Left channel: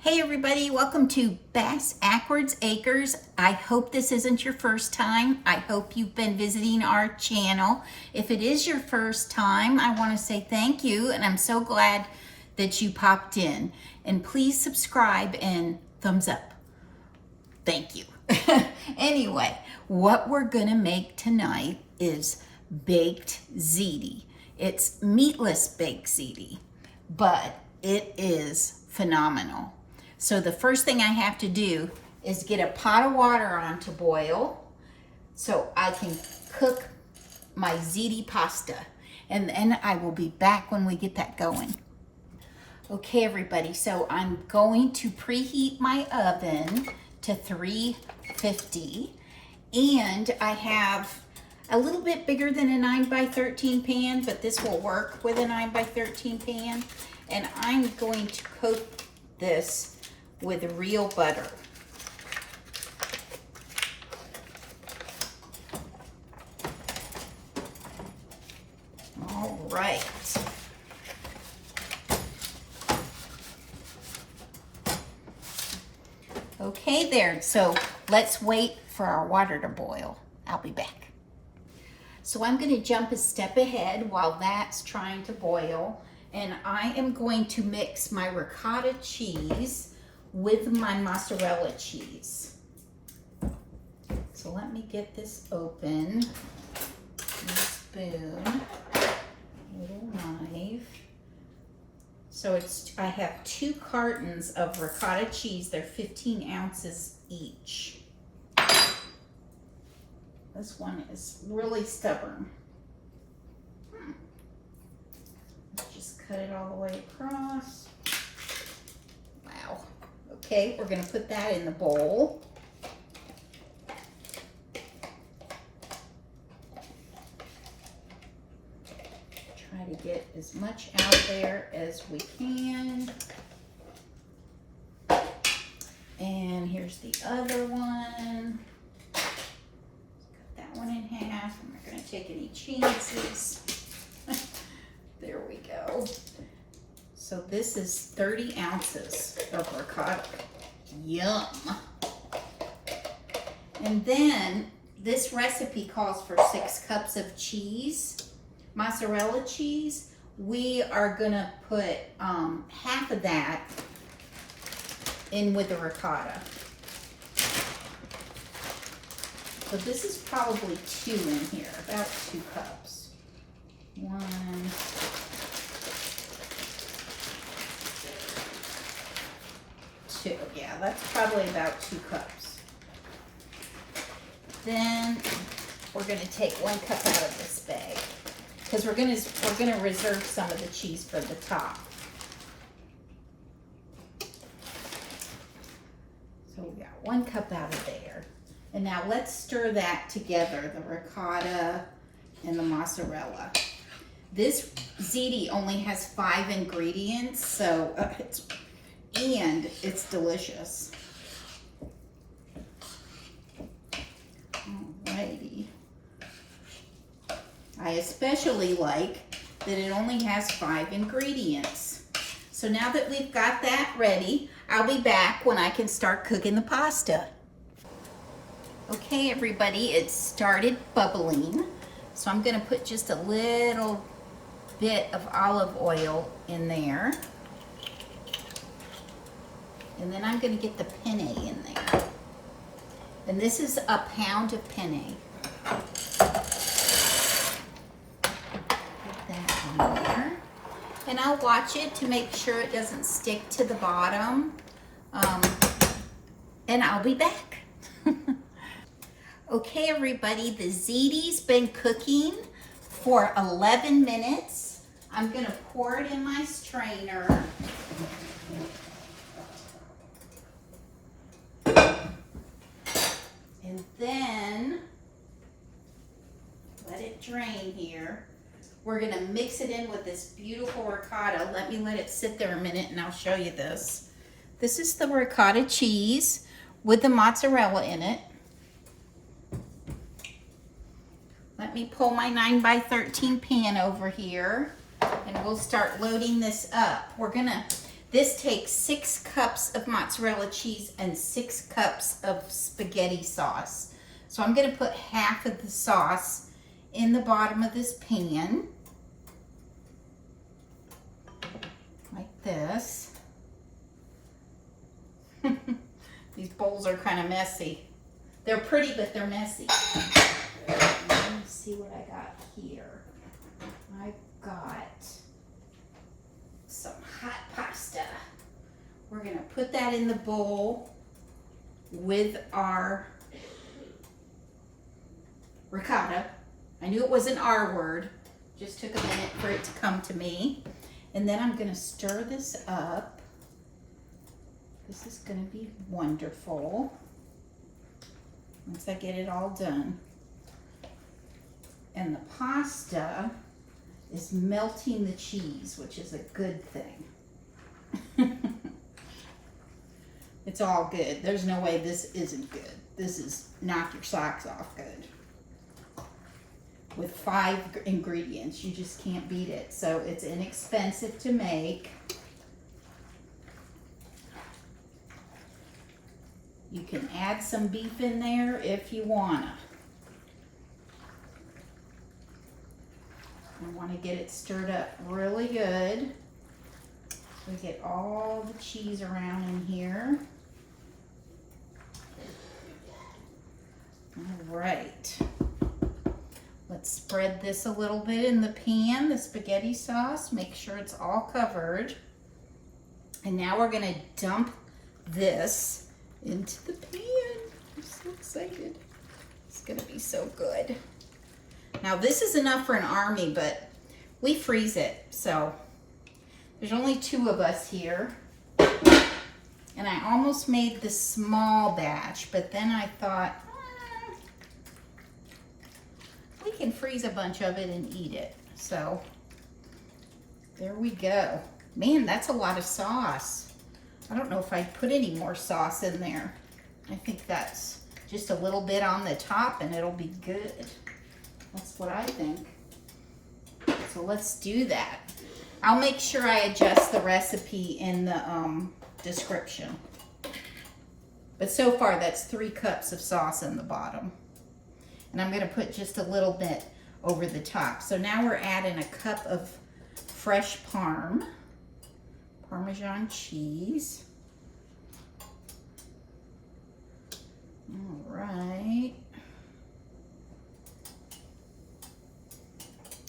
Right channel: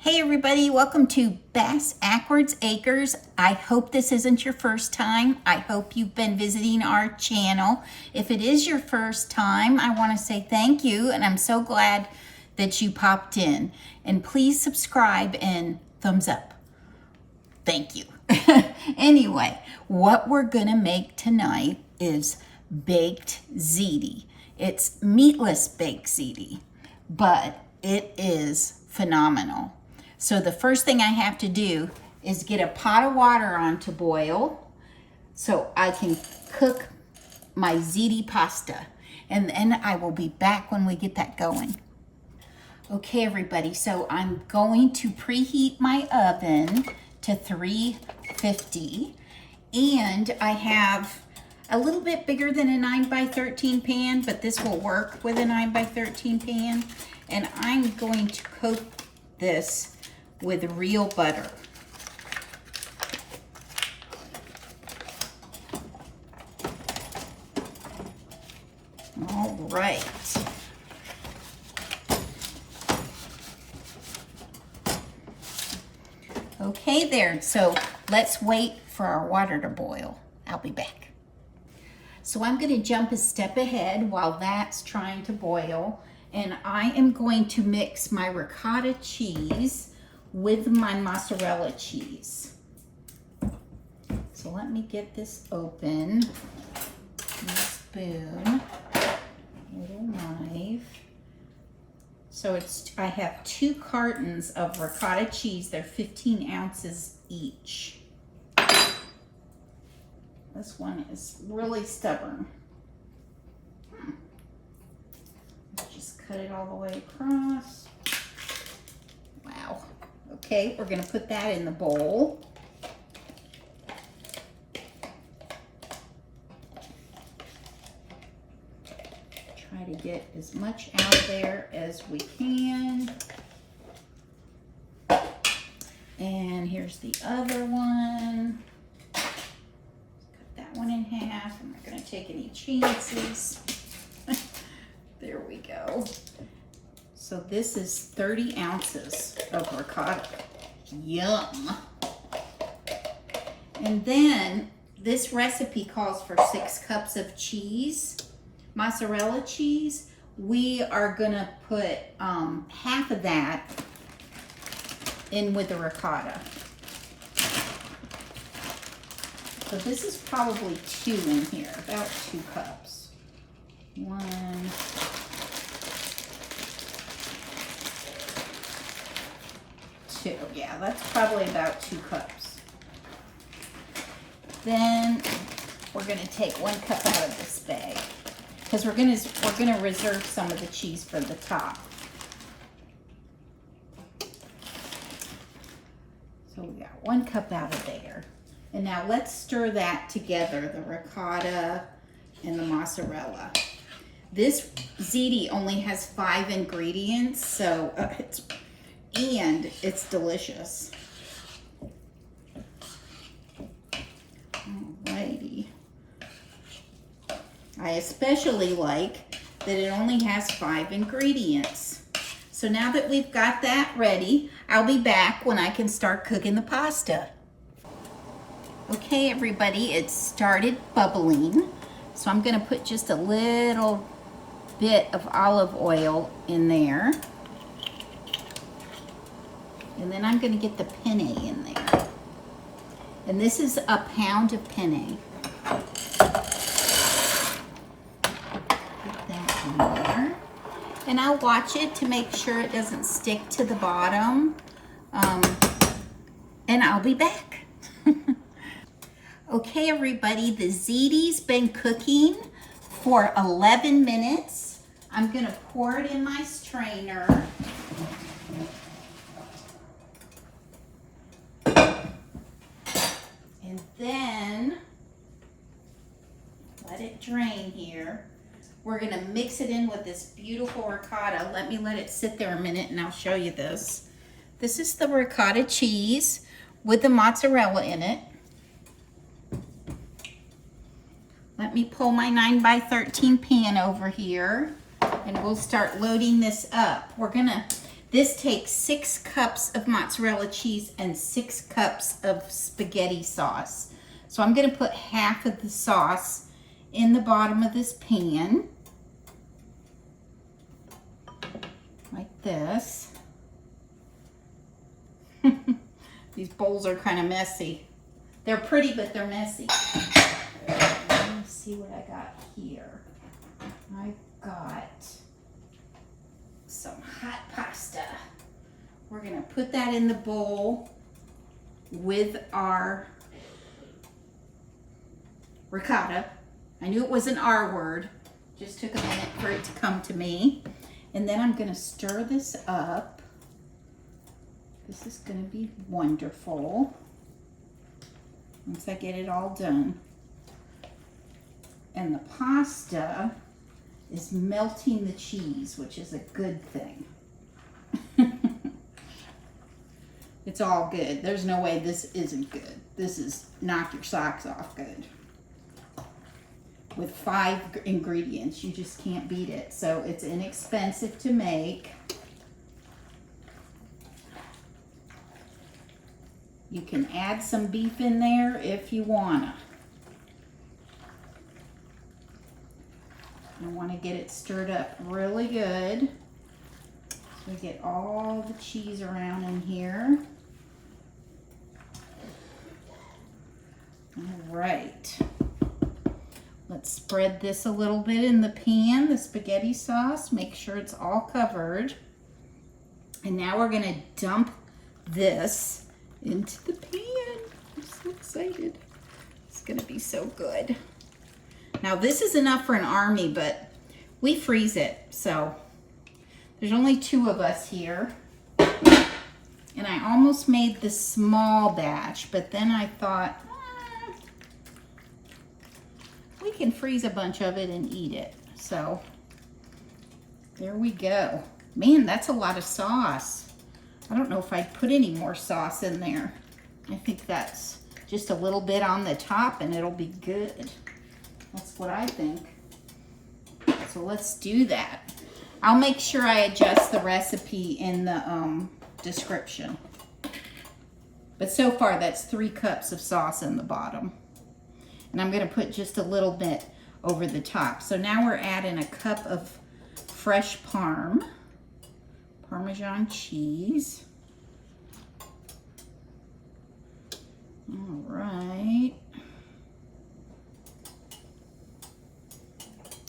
Hey everybody, welcome to Bass Ackwards Acres. I hope this isn't your first time. I hope you've been visiting our channel. If it is your first time, I want to say thank you, and I'm so glad that you popped in. And please subscribe and thumbs up. Thank you. Anyway, what we're gonna make tonight is baked ziti. It's meatless baked ziti, but it is phenomenal. So the first thing I have to do is get a pot of water on to boil so I can cook my ziti pasta. And then I will be back when we get that going. Okay, everybody, so I'm going to preheat my oven to 350. And I have a little bit bigger than a 9x13 pan, but this will work with a 9x13 pan. And I'm going to coat this with real butter. All right. Okay there, so let's wait for our water to boil. I'll be back. So I'm gonna jump a step ahead while that's trying to boil, and I am going to mix my ricotta cheese with my mozzarella cheese. So let me get this open. A spoon, a little knife. So I have 2 cartons of ricotta cheese. They're 15 ounces each. This one is really stubborn. Just cut it all the way across. Wow. Okay, we're gonna put that in the bowl. Try to get as much out there as we can. And here's the other one. Cut that one in half. I'm not gonna take any chances. There we go. So this is 30 ounces of ricotta. Yum. And then this recipe calls for 6 cups of cheese, mozzarella cheese. We are gonna put half of that in with the ricotta. So this is probably 2 in here, about 2 cups. 1, 2, yeah, that's probably about 2 cups. Then we're gonna take 1 cup out of this bag because we're gonna reserve some of the cheese for the top. So we got 1 cup out of there. And now let's stir that together, the ricotta and the mozzarella. This ziti only has 5 ingredients, so it's delicious. Alrighty. I especially like that it only has 5 ingredients. So now that we've got that ready, I'll be back when I can start cooking the pasta. Okay, everybody, it started bubbling. So I'm gonna put just a little bit of olive oil in there. And then I'm gonna get the penne in there. And this is a pound of penne. Put that in there. And I'll watch it to make sure it doesn't stick to the bottom. And I'll be back. Okay, everybody, the ziti's been cooking for 11 minutes. I'm gonna pour it in my strainer. And then let it drain here. We're gonna mix it in with this beautiful ricotta. Let it sit there a minute and I'll show you this. This is the ricotta cheese with the mozzarella in it. Let me pull my 9x13 pan over here and we'll start loading this up. This takes 6 cups of mozzarella cheese and 6 cups of spaghetti sauce. So I'm gonna put half of the sauce in the bottom of this pan, like this. These bowls are kind of messy. They're pretty, but they're messy. Let me see what I got here. I've got some hot pasta. We're gonna put that in the bowl with our ricotta. I knew it was an R word. Just took a minute for it to come to me. And then I'm gonna stir this up. This is gonna be wonderful once I get it all done. And the pasta is melting the cheese, which is a good thing. It's all good. There's no way this isn't good. This is knock your socks off good. With 5 ingredients, you just can't beat it. So it's inexpensive to make. You can add some beef in there if you wanna. You want to get it stirred up really good. So we get all the cheese around in here. All right. Let's spread this a little bit in the pan, the spaghetti sauce. Make sure it's all covered. And now we're going to dump this into the pan. I'm so excited. It's going to be so good. Now this is enough for an army, but we freeze it. So there's only 2 of us here. And I almost made the small batch, but then I thought, we can freeze a bunch of it and eat it. So there we go. Man, that's a lot of sauce. I don't know if I'd put any more sauce in there. I think that's just a little bit on the top and it'll be good. That's what I think. So let's do that. I'll make sure I adjust the recipe in the description. But so far that's 3 cups of sauce in the bottom. And I'm gonna put just a little bit over the top. So now we're adding a cup of fresh Parmesan cheese. All right.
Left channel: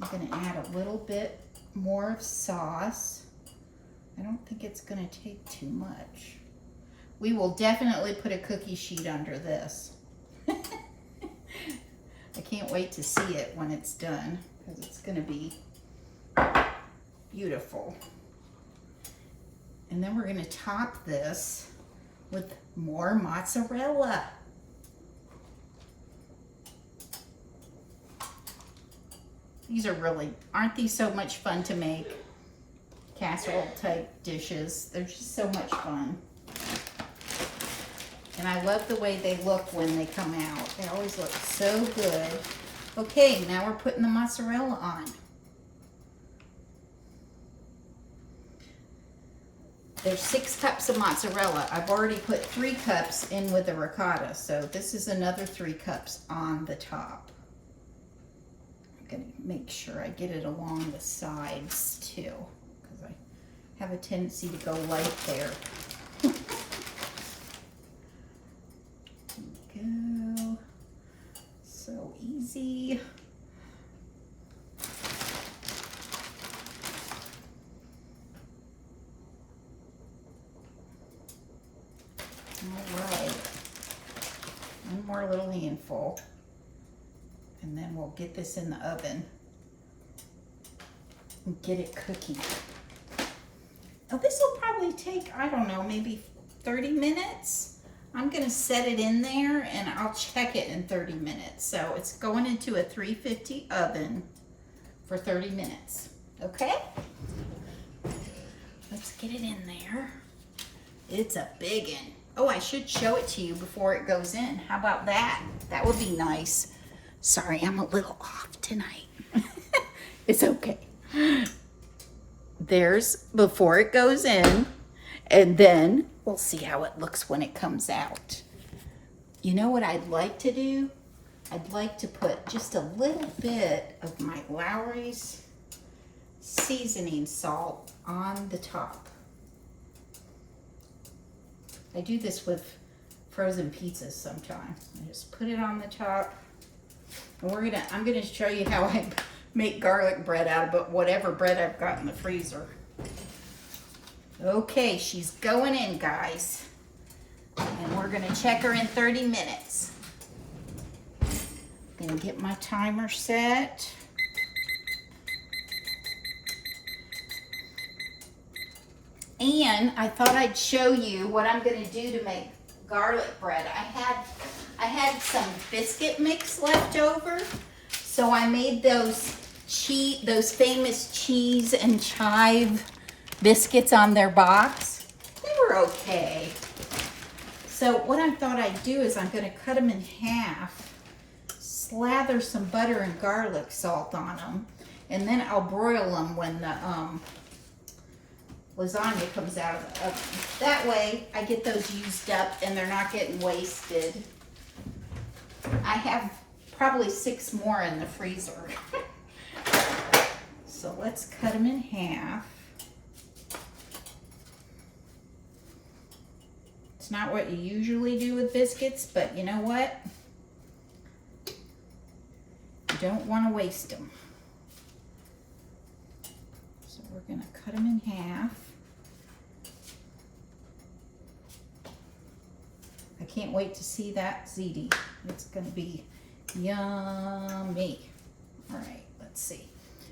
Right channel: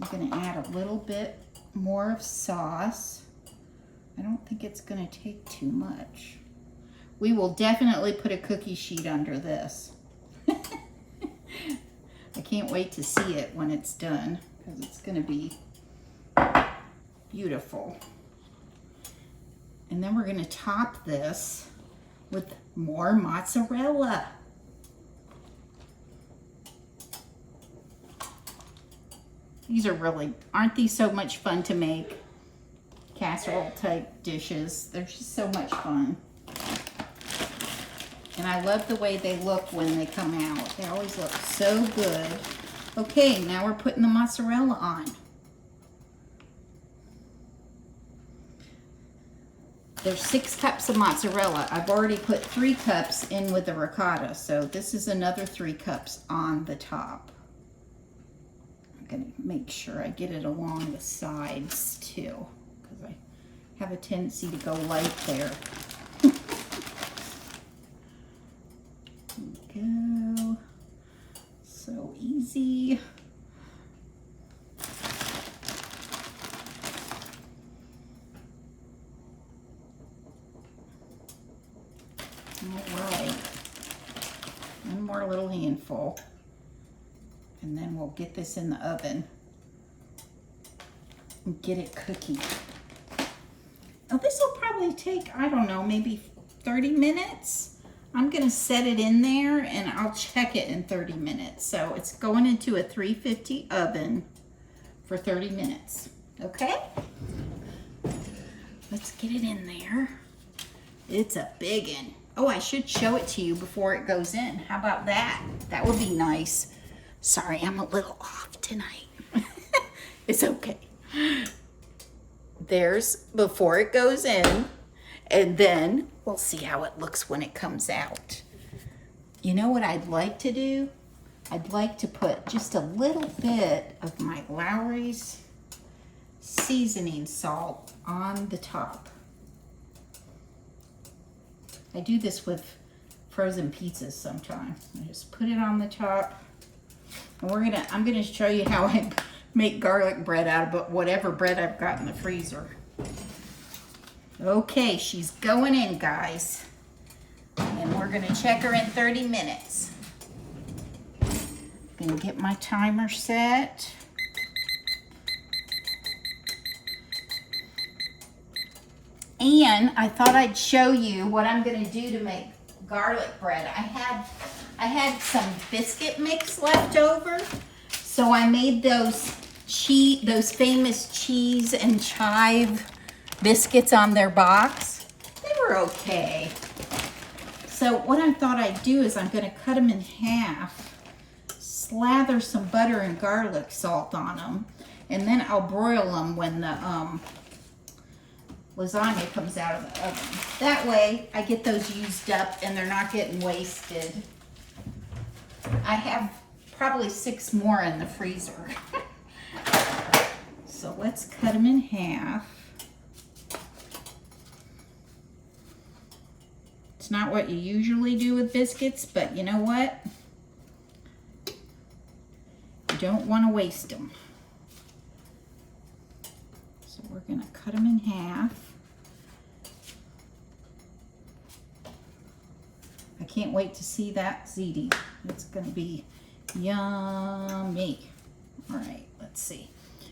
I'm gonna add a little bit more of sauce. I don't think it's gonna take too much. We will definitely put a cookie sheet under this. I can't wait to see it when it's done because it's gonna be beautiful. And then we're gonna top this with more mozzarella. These are really, aren't these so much fun to make? Casserole type dishes. They're just so much fun. And I love the way they look when they come out. They always look so good. Okay, now we're putting the mozzarella on. There's 6 cups of mozzarella. I've already put 3 cups in with the ricotta, so this is another 3 cups on the top. I'm gonna make sure I get it along the sides too, because I have a tendency to go light there. There we go. So easy. All right, one more little handful, and then we'll get this in the oven and get it cooking. Oh, this will probably take, I don't know, maybe 30 minutes. I'm gonna set it in there and I'll check it in 30 minutes. So it's going into a 350 oven for 30 minutes, okay? Let's get it in there. It's a big one. Oh, I should show it to you before it goes in. How about that? That would be nice. Sorry, I'm a little off tonight. It's okay. There's, before it goes in, And then we'll see how it looks when it comes out. You know what I'd like to do? I'd like to put just a little bit of my Lawry's seasoning salt on the top. I do this with frozen pizzas sometimes. I just put it on the top. And I'm gonna show you how I make garlic bread out of whatever bread I've got in the freezer. Okay, she's going in, guys. And we're gonna check her in 30 minutes. Gonna get my timer set. And I thought I'd show you what I'm gonna do to make garlic bread. I had some biscuit mix left over, so I made those famous cheese and chive biscuits on their box. They were okay. So what I thought I'd do is I'm gonna cut them in half, slather some butter and garlic salt on them, and then I'll broil them when the lasagna comes out of the oven. That way I get those used up and they're not getting wasted. I have probably 6 more in the freezer. So let's cut them in half. It's not what you usually do with biscuits, but you know what? You don't want to waste them. So we're going to cut them in half. I can't wait to see that ziti. It's going to be yummy. All right, let's see.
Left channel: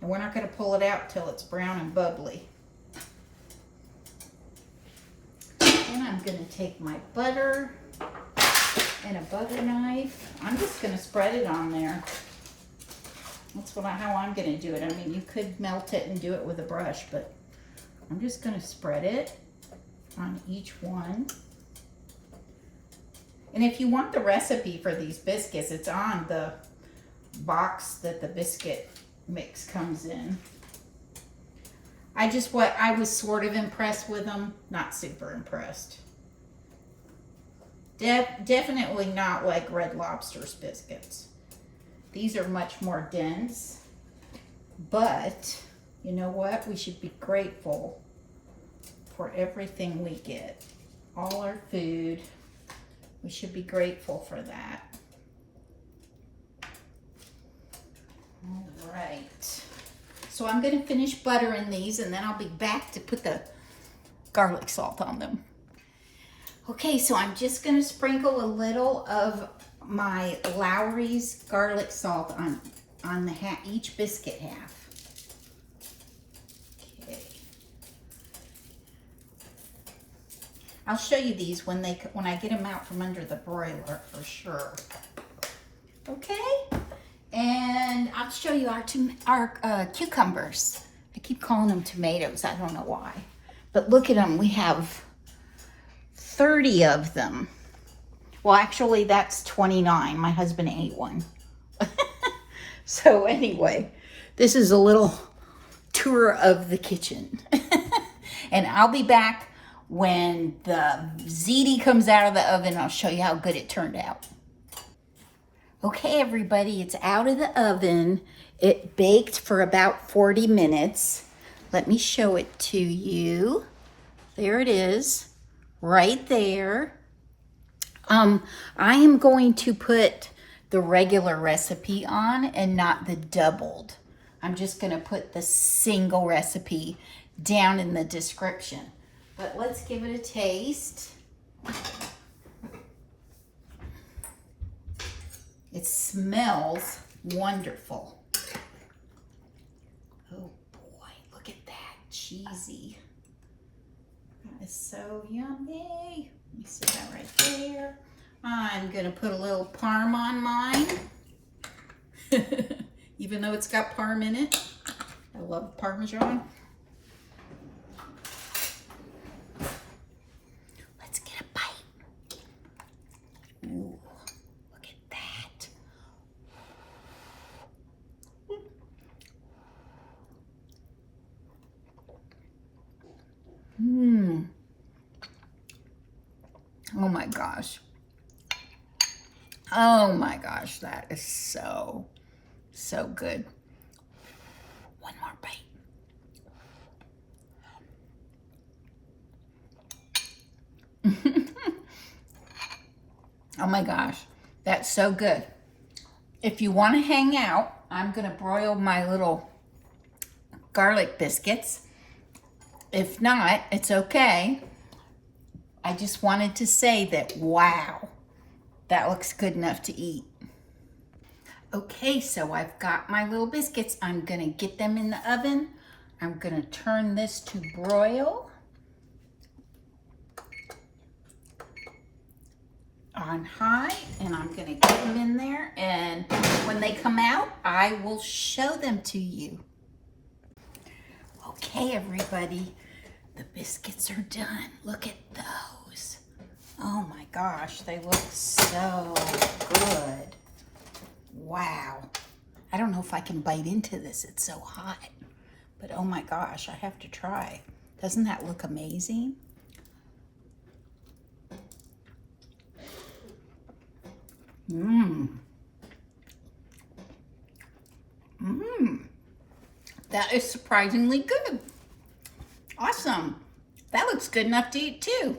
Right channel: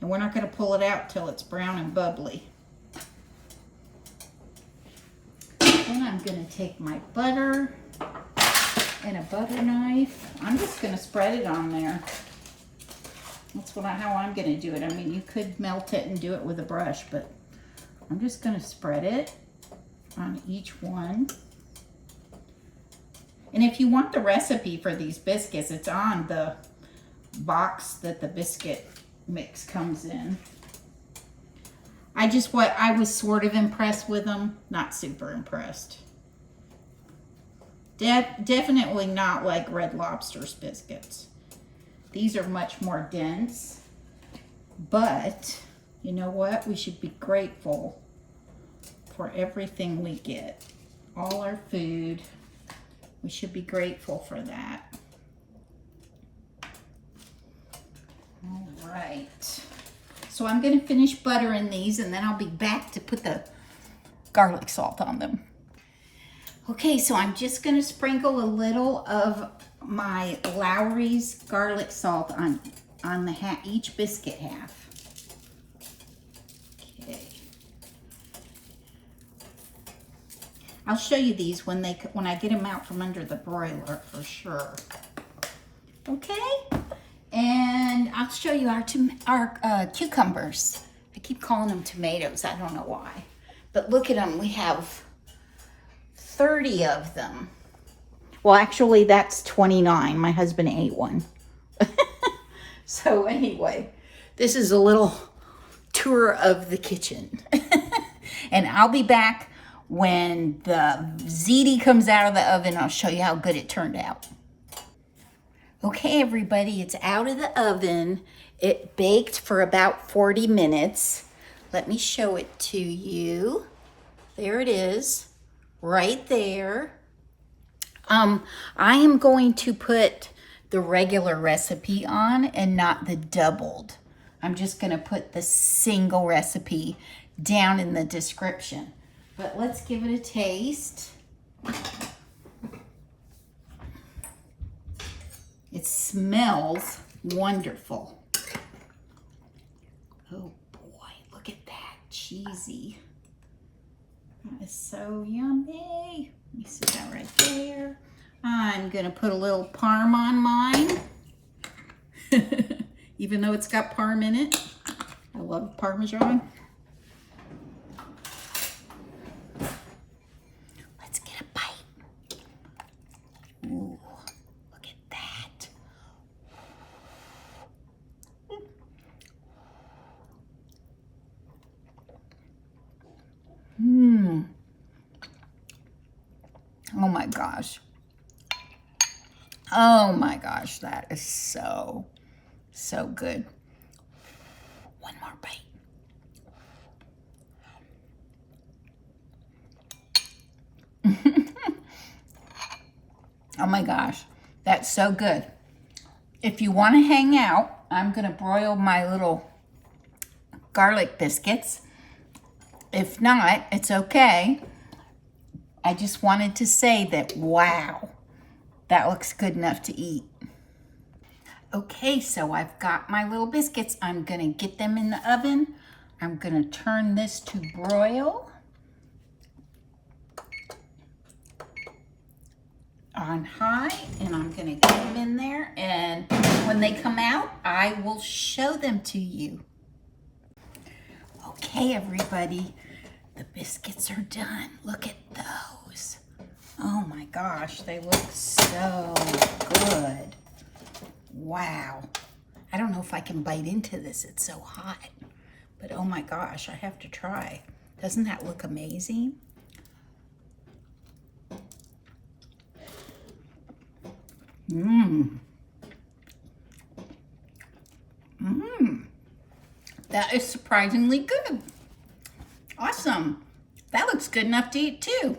And we're not going to pull it out till it's brown and bubbly. Then I'm going to take my butter and a butter knife. I'm just going to spread it on there. That's how I'm going to do it. I mean, you could melt it and do it with a brush, but I'm just going to spread it on each one. And if you want the recipe for these biscuits, it's on the box that the biscuit mix comes in. I was sort of impressed with them, not super impressed. Definitely not like Red Lobster's biscuits. These are much more dense, but you know what? We should be grateful for everything we get. All our food. We should be grateful for that. All right. So I'm going to finish buttering these and then I'll be back to put the garlic salt on them. Okay, so I'm just going to sprinkle a little of my Lawry's garlic salt on the each biscuit half. Okay. I'll show you these when I get them out from under the broiler for sure. Okay, and I'll show you our cucumbers. I keep calling them tomatoes. I don't know why, but look at them. We have 30 of them. Well, actually, that's 29. My husband ate one. So anyway, this is a little tour of the kitchen. And I'll be back when the ziti comes out of the oven. I'll show you how good it turned out. Okay, everybody, it's out of the oven. It baked for about 40 minutes. Let me show it to you. There it is, right there. I am going to put the regular recipe on and not the doubled. I'm just going to put the single recipe down in the description. But let's give it a taste. It smells wonderful. Oh boy, look at that, cheesy. That is so yummy. Let me set that right there. I'm gonna put a little parm on mine. Even though it's got parm in it. I love Parmesan. Let's get a bite. Ooh, look at that. Oh my gosh. Oh my gosh, that is so, so good. One more bite. Oh my gosh, that's so good. If you want to hang out, I'm going to broil my little garlic biscuits. If not, it's okay. I just wanted to say that, wow, that looks good enough to eat. Okay, so I've got my little biscuits. I'm going to get them in the oven. I'm going to turn this to broil on high, and I'm going to get them in there, and when they come out, I will show them to you. Okay, everybody, the biscuits are done. Look at those. Oh my gosh, they look so good. Wow. I don't know if I can bite into this. It's so hot. But oh my gosh, I have to try. Doesn't that look amazing? Mmm. Mmm. That is surprisingly good. Awesome. That looks good enough to eat too.